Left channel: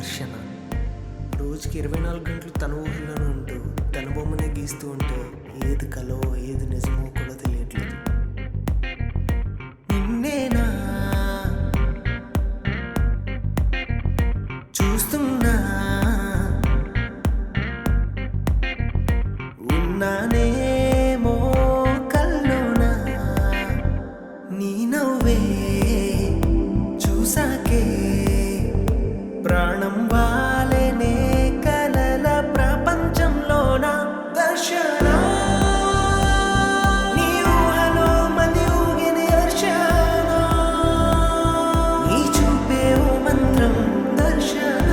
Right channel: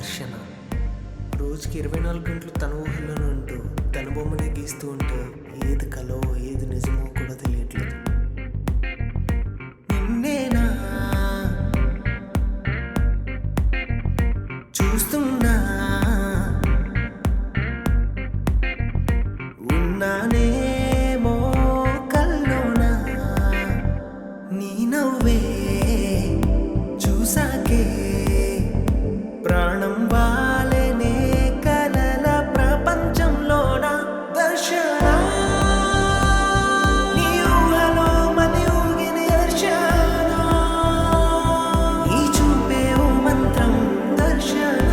దర్శన. రోజుకి 24 గంటలు తన ఊహల్లోనే ఉంటూ తన బొమ్మనే గీస్తూ ఉంటే ఏది కలో ఏది నిజమో కూడా తెలియట్లేదు. నిన్నేనా చూస్తున్నా, ఉన్నానేమో కల్లోనా, నీ నవ్వే చూసాకే ప్రాణం వాలేనే కలల ప్రపంచంలోన దర్శన. నీ ఊహలో మది ఊగిన దర్శన, నీ చూపే ఓ మంత్రం దర్శన,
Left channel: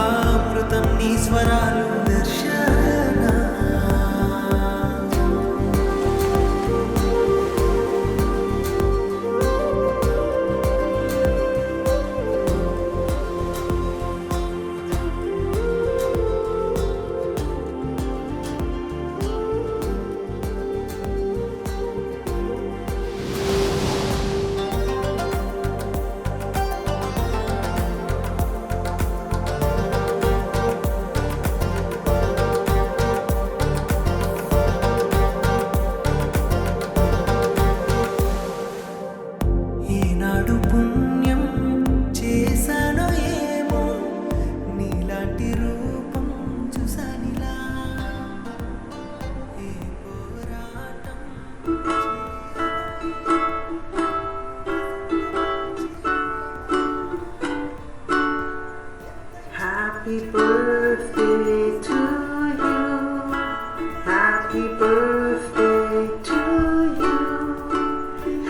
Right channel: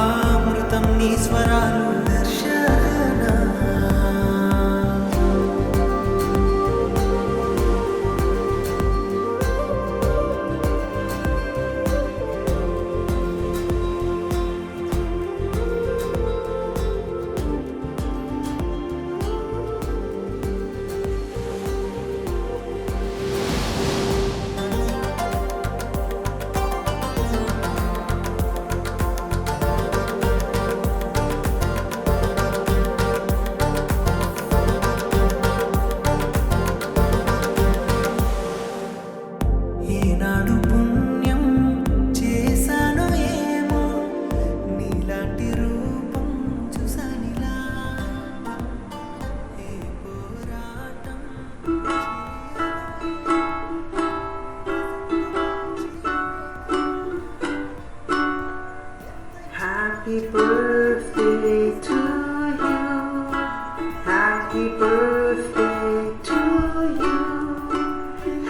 ఆ అమృతం నీ స్వరాలు దర్శన. ఏనాడు పుణ్యం చేశానో ఏమో, నీలాంటి రూపం చూసానిలా. ఏ పోరాటం Happy birthday to you. Happy birthday to you.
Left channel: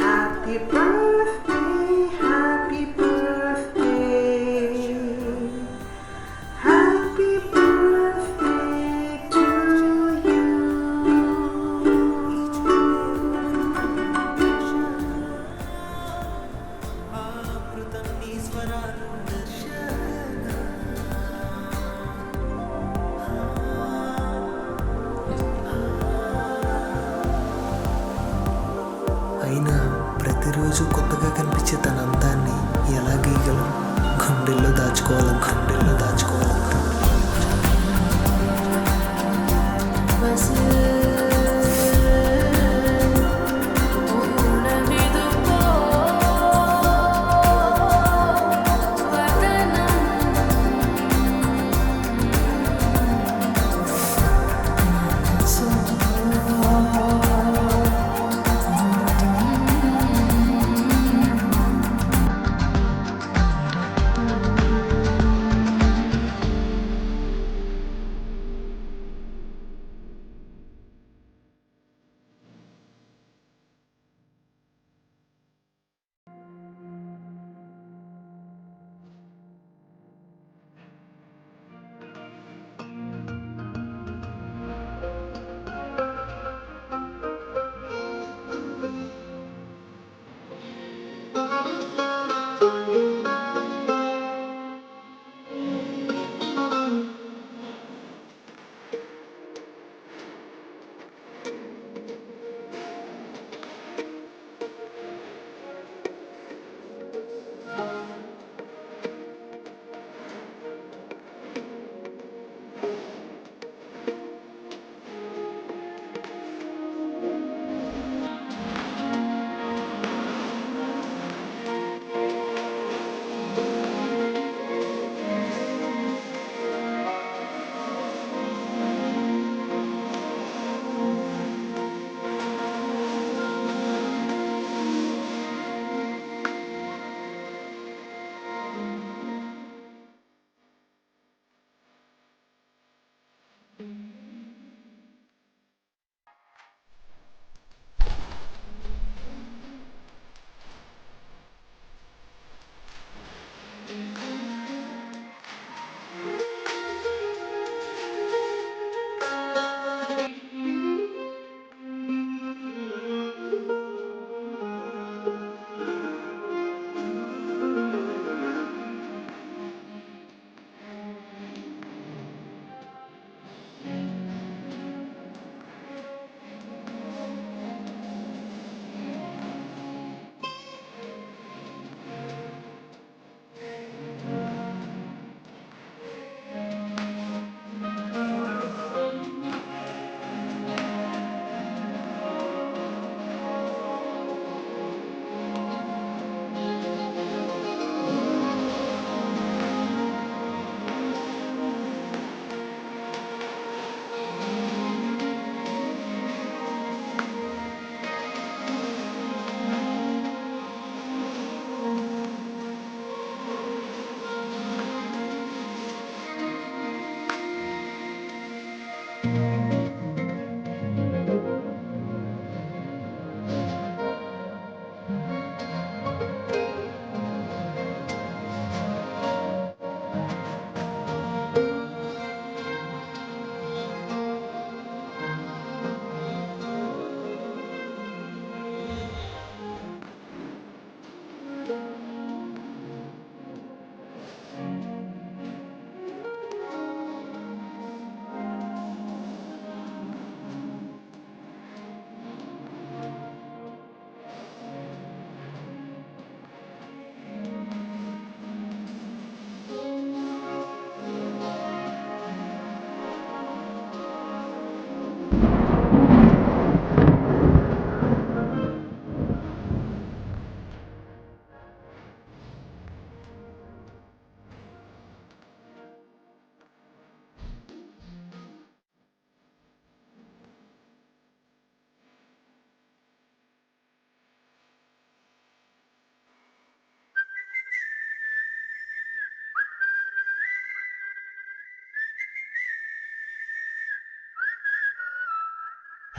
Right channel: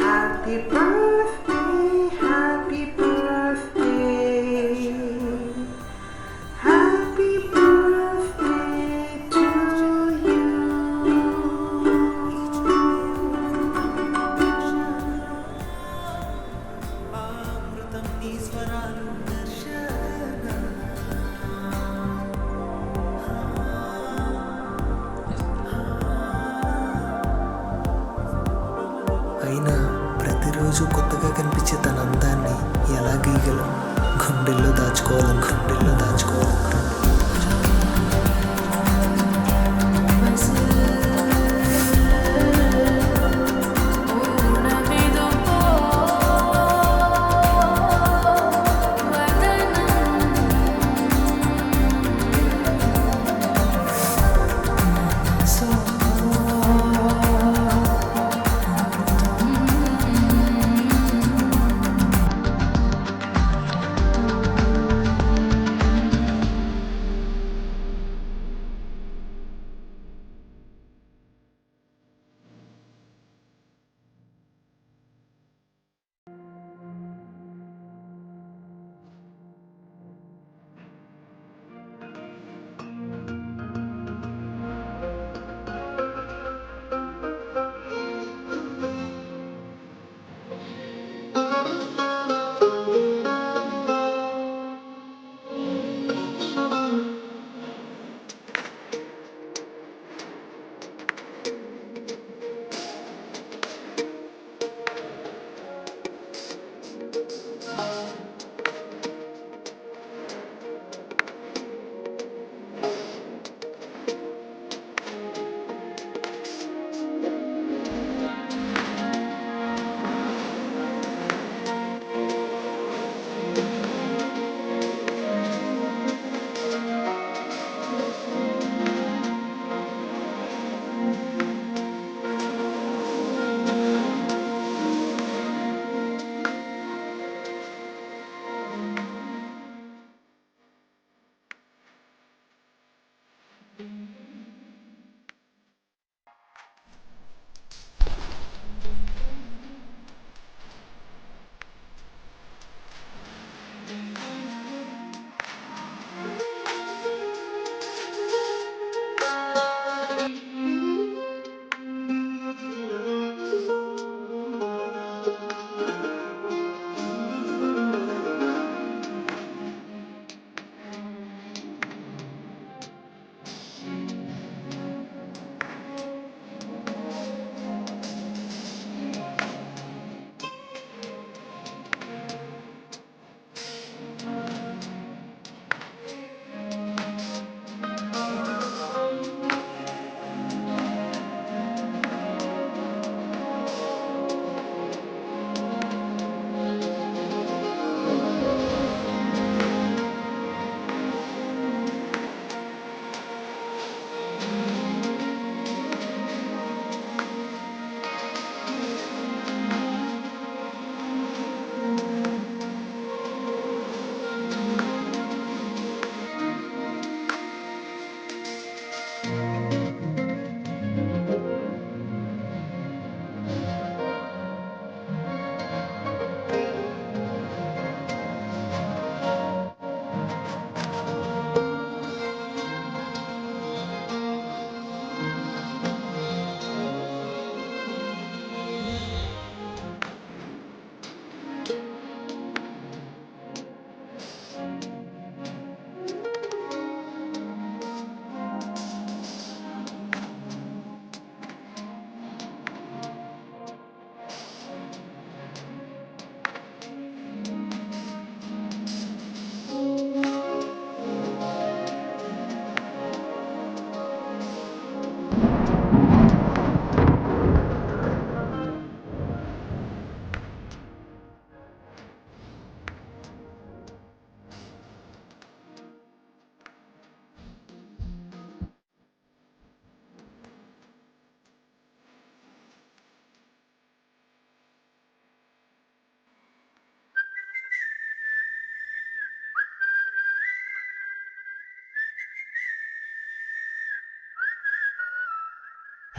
Happy birthday, happy birthday. Happy birthday to you. ఆ అమృతం నీ స్వరాలు దర్శన. అయినా ప్రతిరోజు కొత్తగా కనిపించే తన అందాన్ని ఎలా గీయగలం? గుండెల్లో దాచుకోవాలను.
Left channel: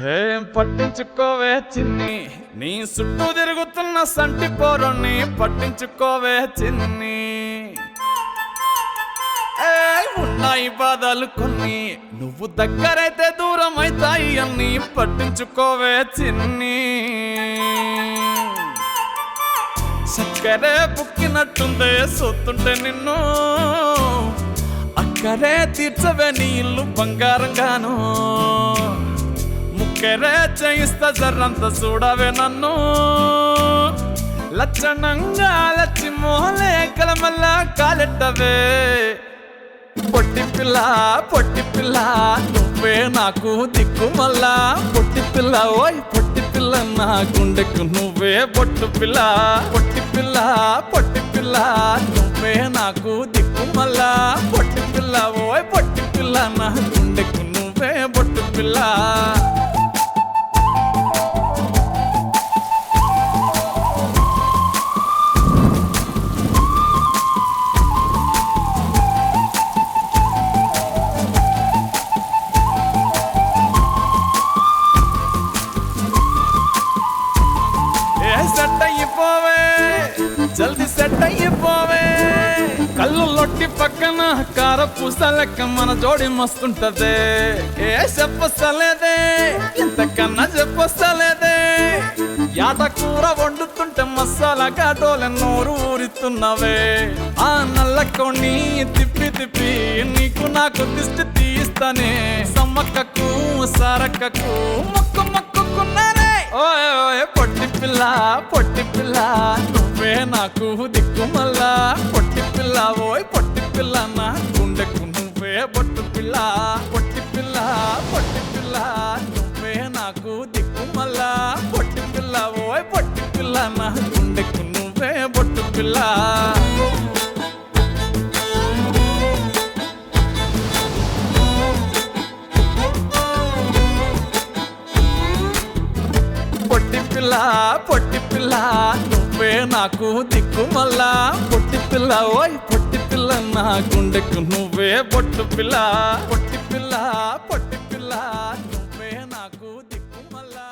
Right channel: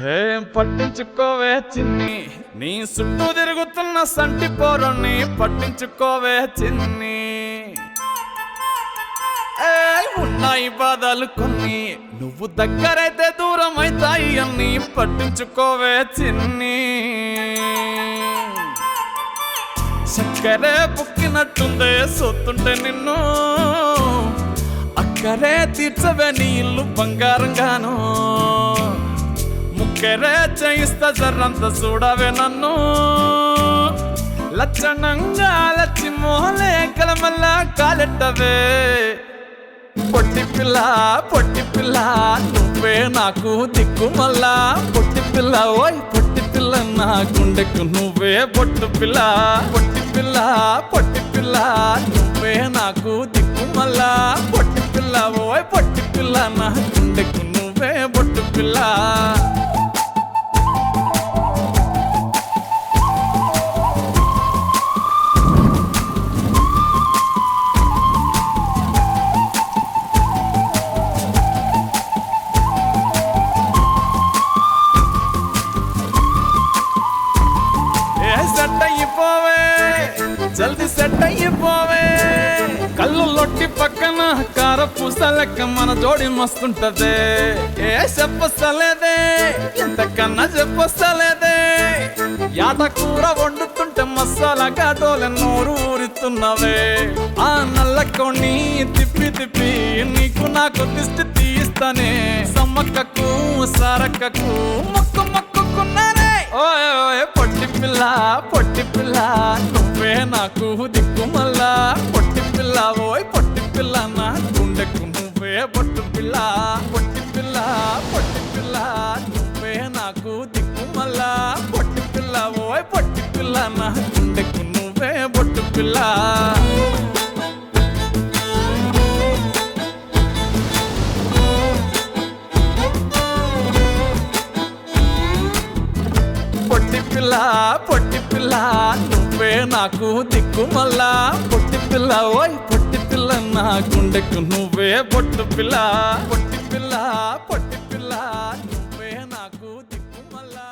ఏం పట్టించుకోవే చిన్ని, నీ చుట్టూ తిరుగుతున్న సంటి పోరుని పట్టించుకోవే చిన్ని. ఉన్నాయి బాధలు కొన్ని, నువ్వు దగ్గరైతే దూరం అవుతాయి అన్ని పట్టించుకోవే చిన్ని. చక్కరే పుక్కినట్టుందే సొత్తుంటే నిన్ను, అక్కరే తీర్చవే నీ ఇల్లు బంగారంగాను. ముక్కరే చేయిస్తా జర్రంత చూడవే నన్ను, లక్షణంగా లచ్చి మోహలే కలమల్ల కాలెట్టవే. పొట్టి పిల్ల పొట్టి పిల్ల నువ్వే నాకు దిక్కు మళ్ళా. పొట్టి పిల్ల ఓయ్ పొట్టి పిల్ల నా గుండెకు నువ్వే బొట్టు పిల్ల. పొట్టి పిల్ల పొట్టి పిల్ల నువ్వే నాకు దిక్కు మళ్ళా. పొట్టి పిల్ల ఓయ్ పొట్టి పిల్ల నా గుండెకు నువ్వే బొట్టు పిల్ల. సెట్ అయిపోవే జల్ది సెట్ అయిపోవే. కళ్ళు లొట్టి పక్కన కారపూస లెక్క మన జోడి మస్తుంటదే. ఏ చెప్పలేదే ఇంతకన్నా చెప్పలేదే. యాట కూర వండుతుంటే మసాలా కాటోలే నోరు ఊరిస్తున్నవే. ఆ నల్ల కొన్ని తిప్పి తిప్పి నీకు నాకు దిష్టి తీస్తానే. సమ్మక్కకు సరక్కకు మొక్కు మొక్కుకున్నానే. ఓయ్ ఓయ్ పొట్టి పిల్ల పొట్టి పిల్ల నువ్వే నాకు దిక్కు మళ్ళా. పొట్టి పిల్ల ఓయ్ పొట్టి పిల్ల నా గుండెకు నువ్వే బొట్టు పిల్ల. పొట్టి పిల్ల పొట్టి పిల్ల నువ్వే నాకు దిక్కు మళ్ళా. పొట్టి పిల్ల ఓయ్ పొట్టి పిల్ల నా గుండెకు నువ్వే బొట్టు పిల్ల. పొట్టి పిల్ల పొట్టి పిల్ల నువ్వే నాకు దిక్కు మళ్ళా. పొట్టి పిల్ల ఓయ్ పొట్టి పిల్ల నా గుండెకు నువ్వే బొట్టు పిల్ల. పొట్టి పిల్ల పొట్టి పిల్ల నువ్వే నాకు దిక్కు మళ్ళా.